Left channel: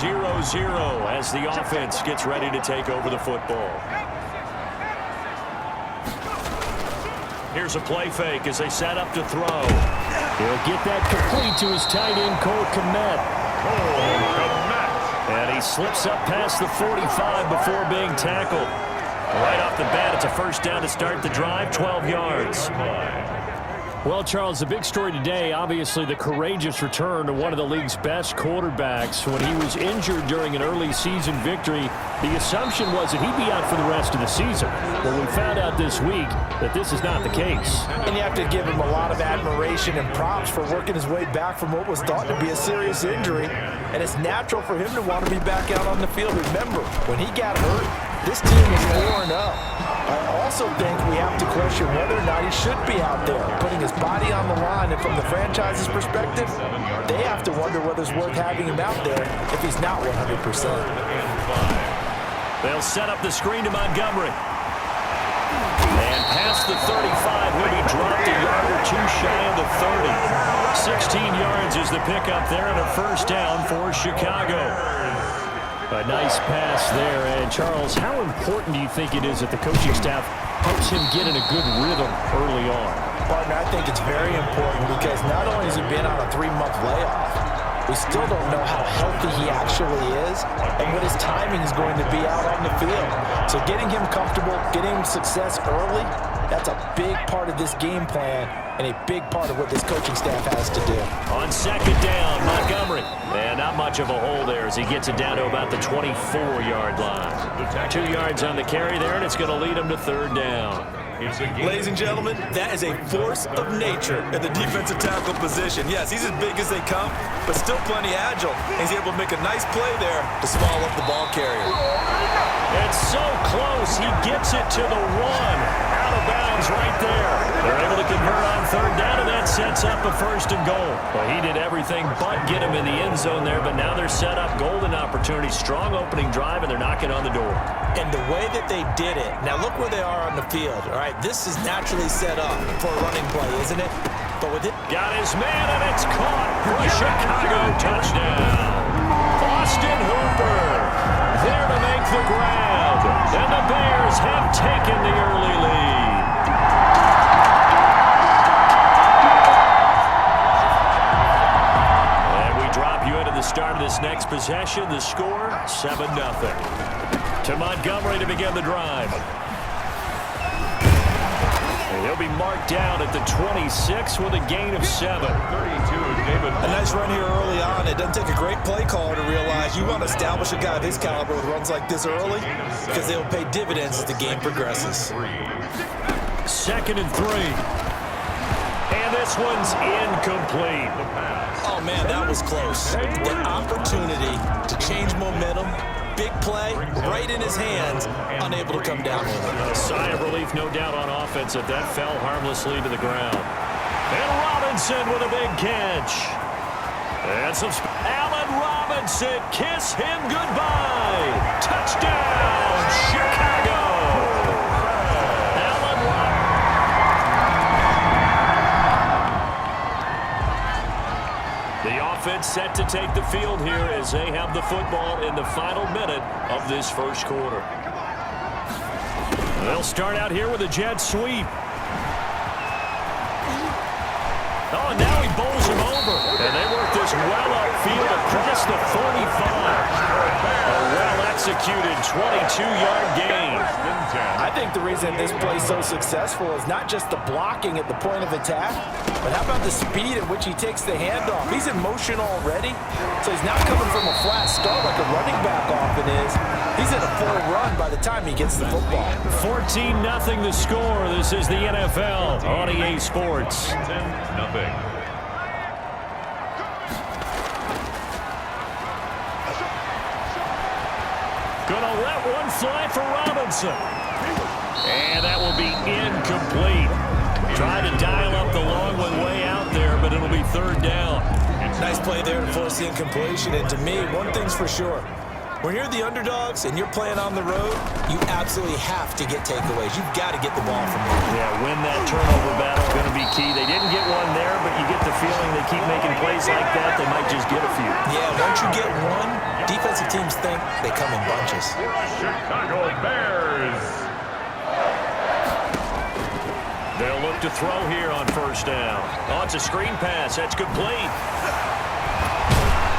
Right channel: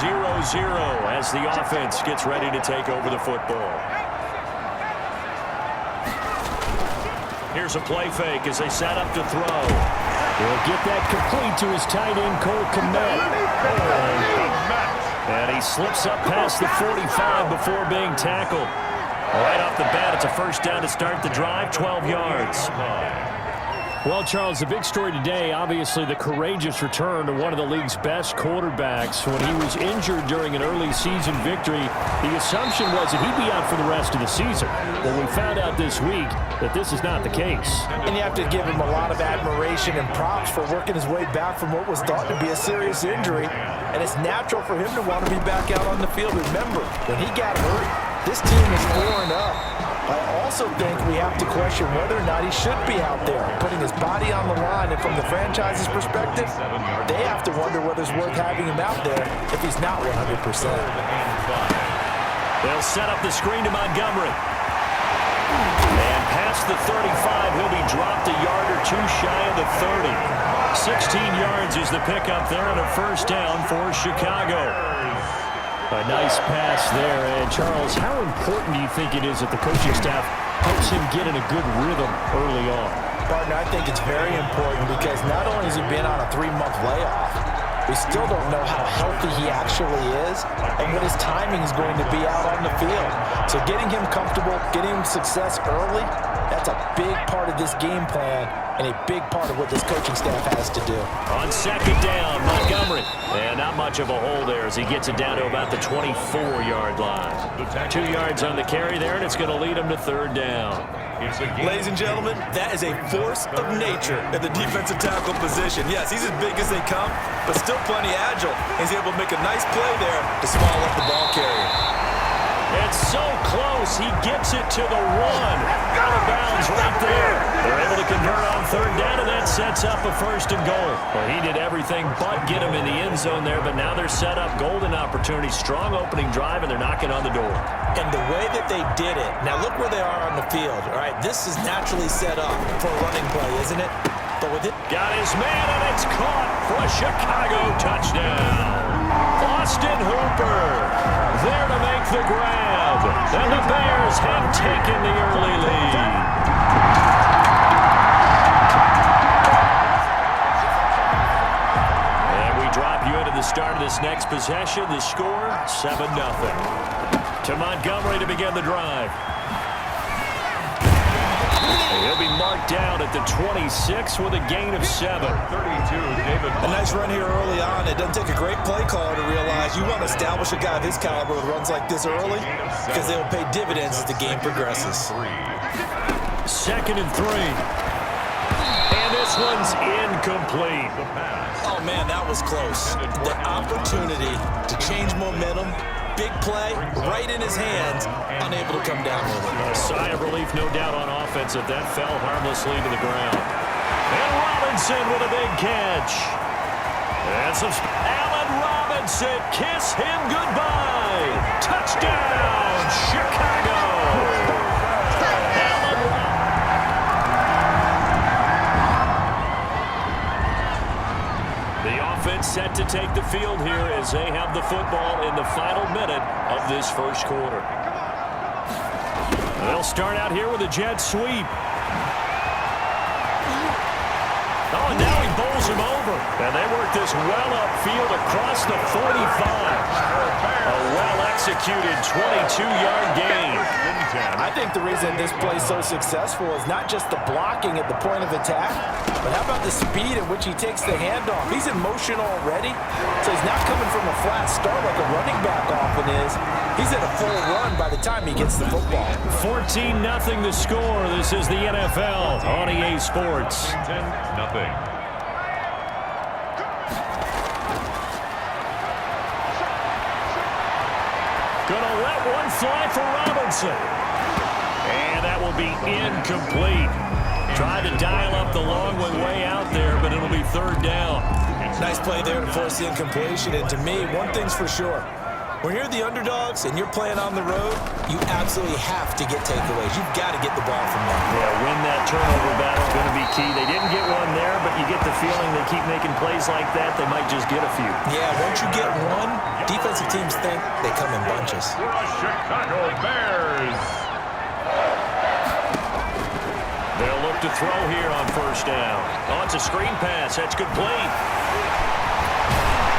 0-0 as the offense gets ready to take over the football. Here's a play fake as they set up to throw. He'll get that complete to his tight end, Cole Kmet. And he slips up past the 45 before being tackled. Right off the bat, it's a first down to start the drive, 12 yards. Well, Charles, the big story today, obviously the courageous return to one of the league's best quarterbacks. When he was injured during an early season victory, the assumption was that he'd be out for the rest of the season. Well, we found out this week that this is not the case. And you have to give him a lot of admiration and props for working his way back from what was thought to be a serious injury. And it's natural for him to want to be back out on the field. Remember, when he got hurt, this team is worn up. I also think we have to question whether or not he should be out there, putting his body on the line. And from the franchise's perspective, they have to wonder whether it's worth having him out there if he's not 100%. They'll set up the screen to Montgomery. And past the 35, he'll be dropped a yard or two shy of the 30. 16 yards is the pickup there and a first down for Chicago. A nice pass there. And, Charles, how important do you think it is that the coaching staff helps him get in a good rhythm early on? Partner, I think it's very important because not only has he been on a 3-month layoff, we still don't know how healthy he actually is and what his timing is going to be out on the field. So getting him comfortable, getting him success early, that's a big part of this game plan and a big part of what this coaching staff has to do. On second down, Montgomery. And not much of a hole there as he gets it down to about the 24-yard line. 2 yards on the carry there, and it's going to lead him to third down. Ladies and gentlemen, that is a force of nature at the defensive tackle position. Yes, he's as big as they come, but still plenty agile. He's able to make a nice play there to small up the ball carrier. It's so close. He gets it to the 1. Out of bounds right there. They're able to convert on third down, and that sets up a first and goal. Well, he did everything but get him in the end zone there, but now they're set up. Golden opportunity, strong opening drive, and they're knocking on the door. And the way that they did it, now look where they are on the field. All right, this is naturally set up for a running play, isn't it? But with it, got his man, and it's caught for a Chicago touchdown. Austin Hooper there to make the grab, and the Bears have taken the early lead. And we drop you into the start of this next possession. The score, 7-0. To Montgomery to begin the drive. And he'll be marked down at the 26 with a gain of 7. 32, David. A nice run here early on. It doesn't take a great play caller to realize you want to establish a guy of his caliber with runs like this early because they will pay dividends as the game progresses. 2nd and 3. And this one's incomplete. Oh, man, that was close. The opportunity to change momentum, big play, right in his hands, unable to come down with it. A sigh of relief, no doubt, on offense that fell harmlessly to the ground. And Robinson with a big catch. And some Allen Robinson, kiss him goodbye. Touchdown, Chicago. Allen Robinson. The offense set to take the field here as they have the football in the final minute of this first quarter. They'll start out here with a jet sweep. Oh, and now he bowls him over. And they work this well upfield across the 45. A well-executed 22-yard gain. I think the reason this play is so successful is not just the blocking at the point of attack, but how about the speed at which he takes the handoff? He's in motion already, so he's not coming from a flat start like a running back often is. He's in a full run by the time he gets the football. 14-0 the score. This is the NFL on EA Sports. 10-0. Gonna let one fly for Robinson. And that will be incomplete. Tried to dial up the long one way out there, but it'll be third down. Nice play there to force the incompletion. And to me, one thing's for sure. When you're the underdogs and you're playing on the road, you absolutely have to get takeaways. You've got to get the ball from them. Yeah, win that turnover battle is going to be key. They didn't get one there, but you get the feeling they keep making plays like that, they might just get a few. Yeah, once you get one, defensive teams think they come in bunches. For the Chicago Bears. They'll look to throw here on first down. Oh, it's a screen pass. That's complete.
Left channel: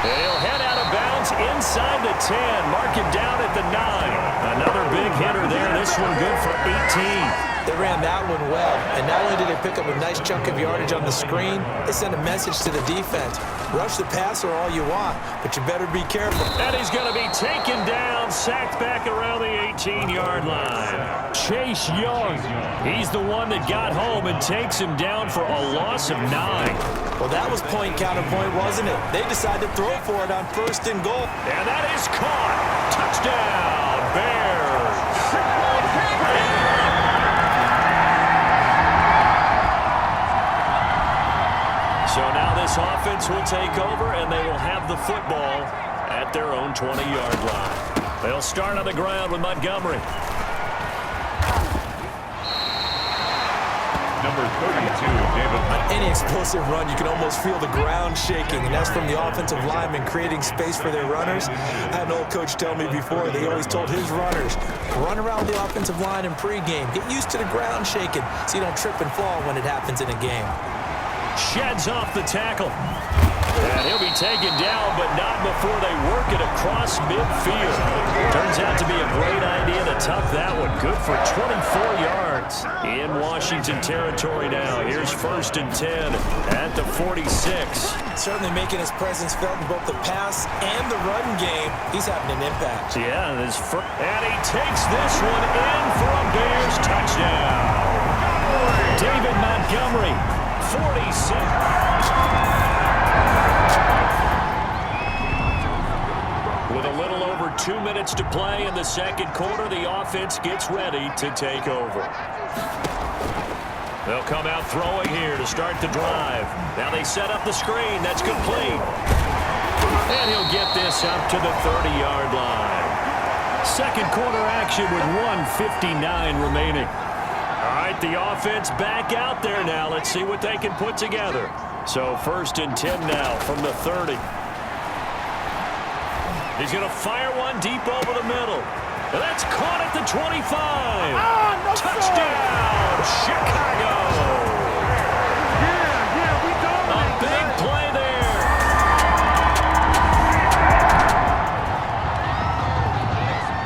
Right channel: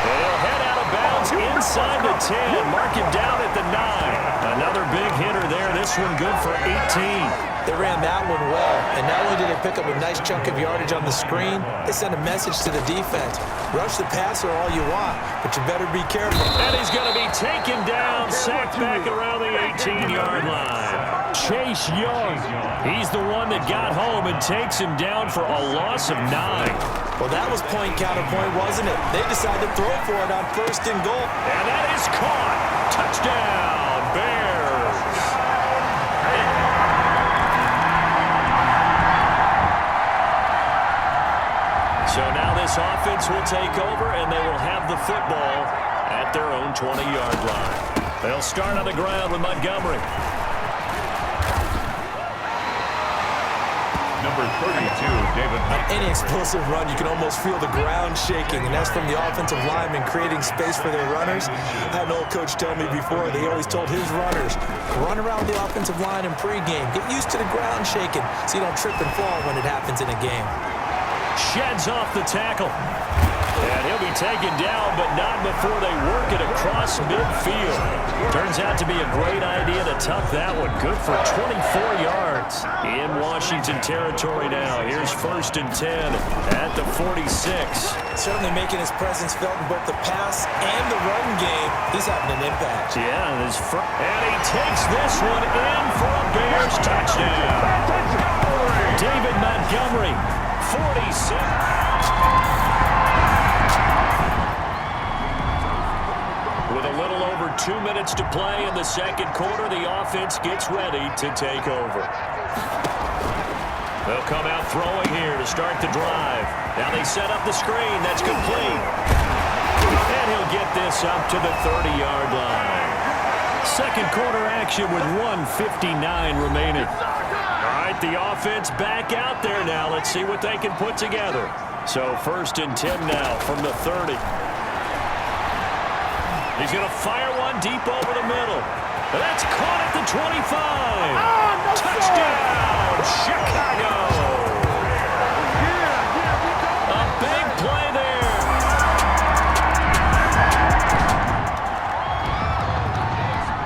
He'll head out of bounds inside the 10. Mark him down at the 9. Another big hitter there. This one good for 18. They ran that one well, and not only did they pick up a nice chunk of yardage on the screen, they sent a message to the defense. Rush the passer all you want, but you better be careful. And he's going to be taken down, sacked back around the 18-yard line. Chase Young, he's the one that got home and takes him down for a loss of 9. Well, that was point counterpoint, wasn't it? They decided to throw for it on first and goal. And that is caught. Touchdown, Bears. So now this offense will take over, and they will have the football at their own 20-yard line. They'll start on the ground with Montgomery. Number 32, David. On any explosive run, you can almost feel the ground shaking, and that's from the offensive linemen creating space for their runners. I had an old coach tell me before, they always told his runners, run around the offensive line in pregame. Get used to the ground shaking so you don't trip and fall when it happens in a game. Sheds off the tackle. And he'll be taken down, but not before they work it across midfield. Turns out to be a great idea to tuck that one. Good for 24 yards in Washington territory now. Here's first and 10 at the 46. Certainly making his presence felt in both the pass and the run game. He's having an impact. Yeah, and he takes this one in for a Bears touchdown. David Montgomery, 46. With a little over 2 minutes to play in the second quarter, the offense gets ready to take over. They'll come out throwing here to start the drive. Now they set up the screen. That's complete. And he'll get this up to the 30-yard line. Second quarter action with 1:59 remaining. All right, the offense back out there now. Let's see what they can put together. So first and 10 now from the 30. He's going to fire one deep over the middle. And that's caught at the 25. No Touchdown, Chicago. A big play there.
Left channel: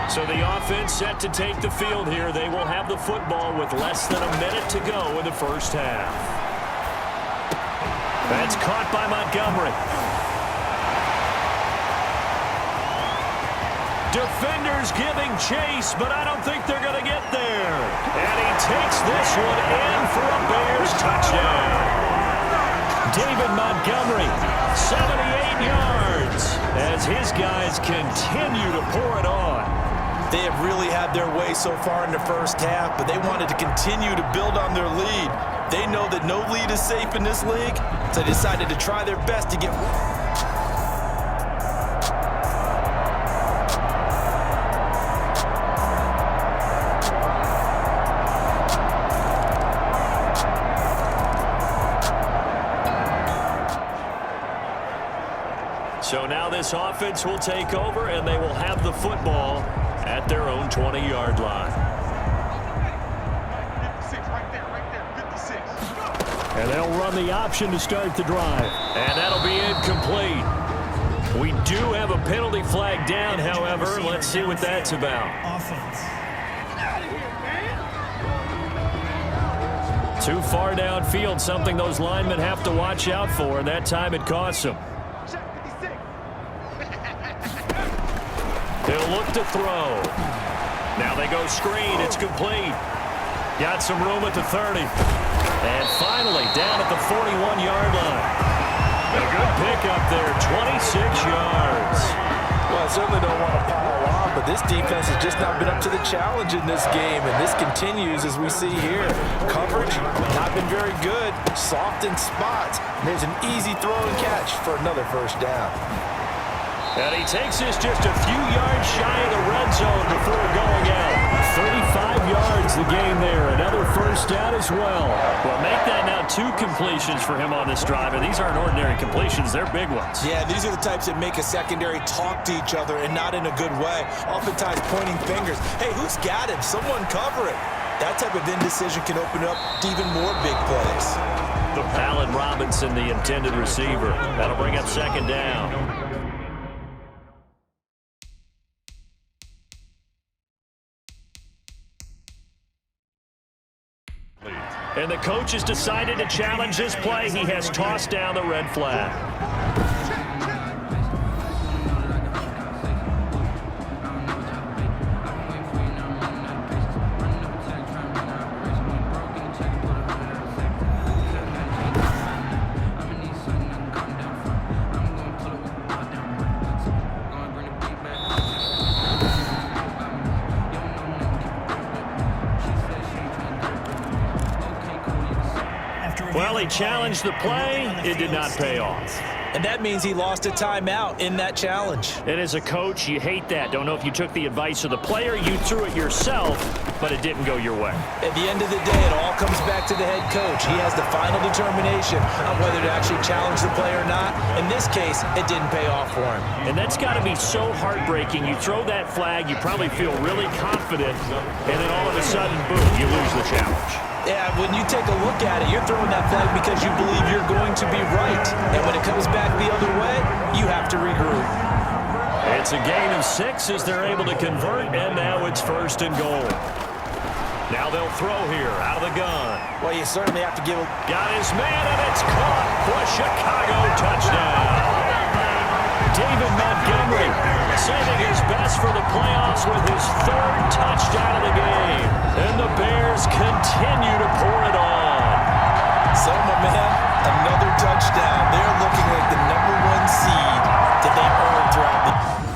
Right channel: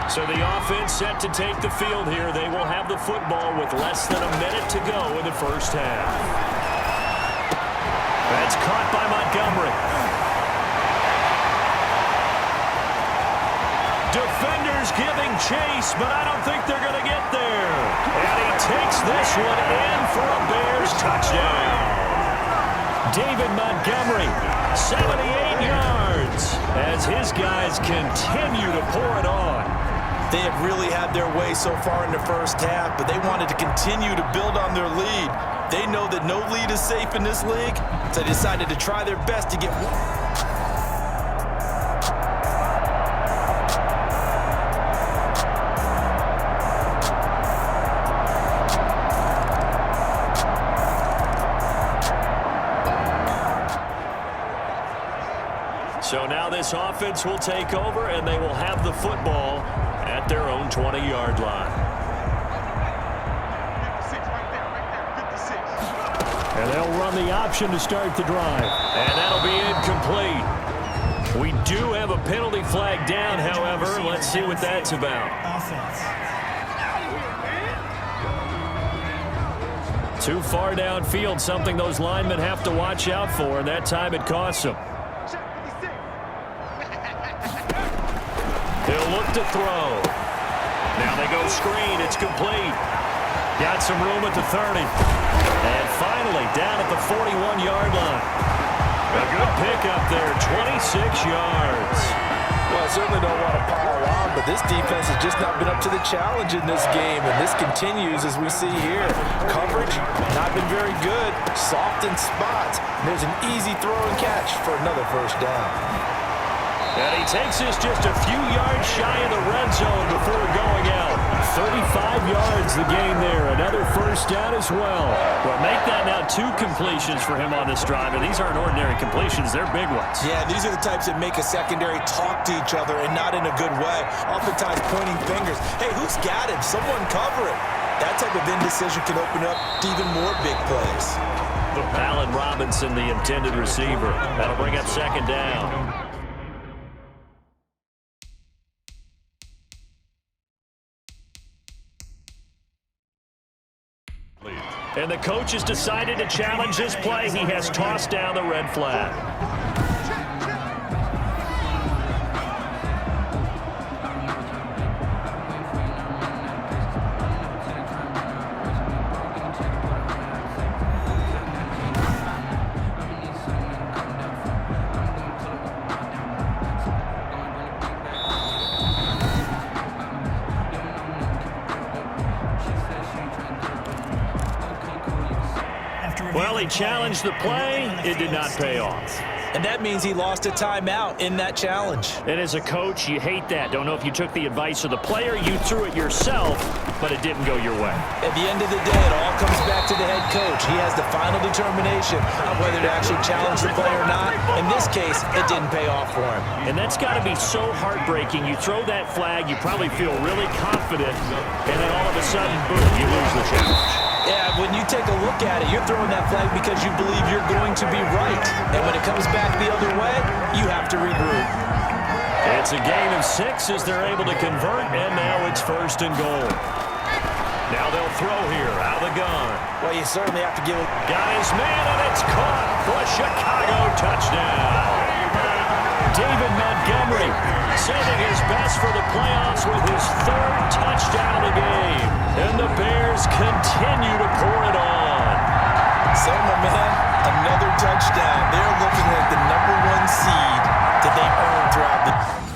So the offense set to take the field here. They will have the football with less than a minute to go in the first half. That's caught by Montgomery. Defenders giving chase, but I don't think they're going to get there. And he takes this one in for a Bears touchdown. David Montgomery, 78 yards, as his guys continue to pour it on. They have really had their way so far in the first half, but they wanted to continue to build on their lead. They know that no lead is safe in this league, so they decided to try their best to get one. So now this offense will take over, and they will have the football at their own 20-yard line. 56, right there, 56. And they'll run the option to start the drive. And that'll be incomplete. We do have a penalty flag down, however. Let's see what that's about. Offense. Too far downfield, something those linemen have to watch out for, and that time it costs them. He'll look to throw. Now they go screen. It's complete. Got some room at the 30. And finally down at the 41-yard line. A good pickup there, 26 yards. Well, I certainly don't want to pile on, but this defense has just not been up to the challenge in this game, and this continues as we see here. Coverage, not been very good. Soft in spots. And there's an easy throw and catch for another first down. And he takes this just a few yards shy of the red zone before going out. 35 yards the gain there. Another first down as well. Well, make that now 2 completions for him on this drive. And these aren't ordinary completions. They're big ones. Yeah, these are the types that make a secondary talk to each other and not in a good way. Oftentimes pointing fingers. Hey, who's got him? Someone cover it. That type of indecision can open up to even more big plays. Allen Robinson, the intended receiver. That'll bring up second down. And the coach has decided to challenge this play. He has tossed down the red flag. Well, he challenged the play. It did not pay off. And that means he lost a timeout in that challenge. And as a coach, you hate that. Don't know if you took the advice of the player. You threw it yourself, but it didn't go your way. At the end of the day, it all comes back to the head coach. He has the final determination on whether to actually challenge the play or not. In this case, it didn't pay off for him. And that's got to be so heartbreaking. You throw that flag, you probably feel really confident, and then all of a sudden, boom, you lose the challenge. Yeah, when you take a look at it, you're throwing that flag because you believe you're going to be right. And when it comes back the other way, you have to regroup. It's a gain of 6 as they're able to convert, and now it's first and goal. Now they'll throw here out of the gun. Well, you certainly have to give a... Got his man, and it's caught for a Chicago touchdown. David Montgomery saving his best for the playoffs with his 3rd touchdown of the game. And the Bears continue to pour it on. So, my man, another touchdown. They're looking like the #1 seed that they earned throughout the...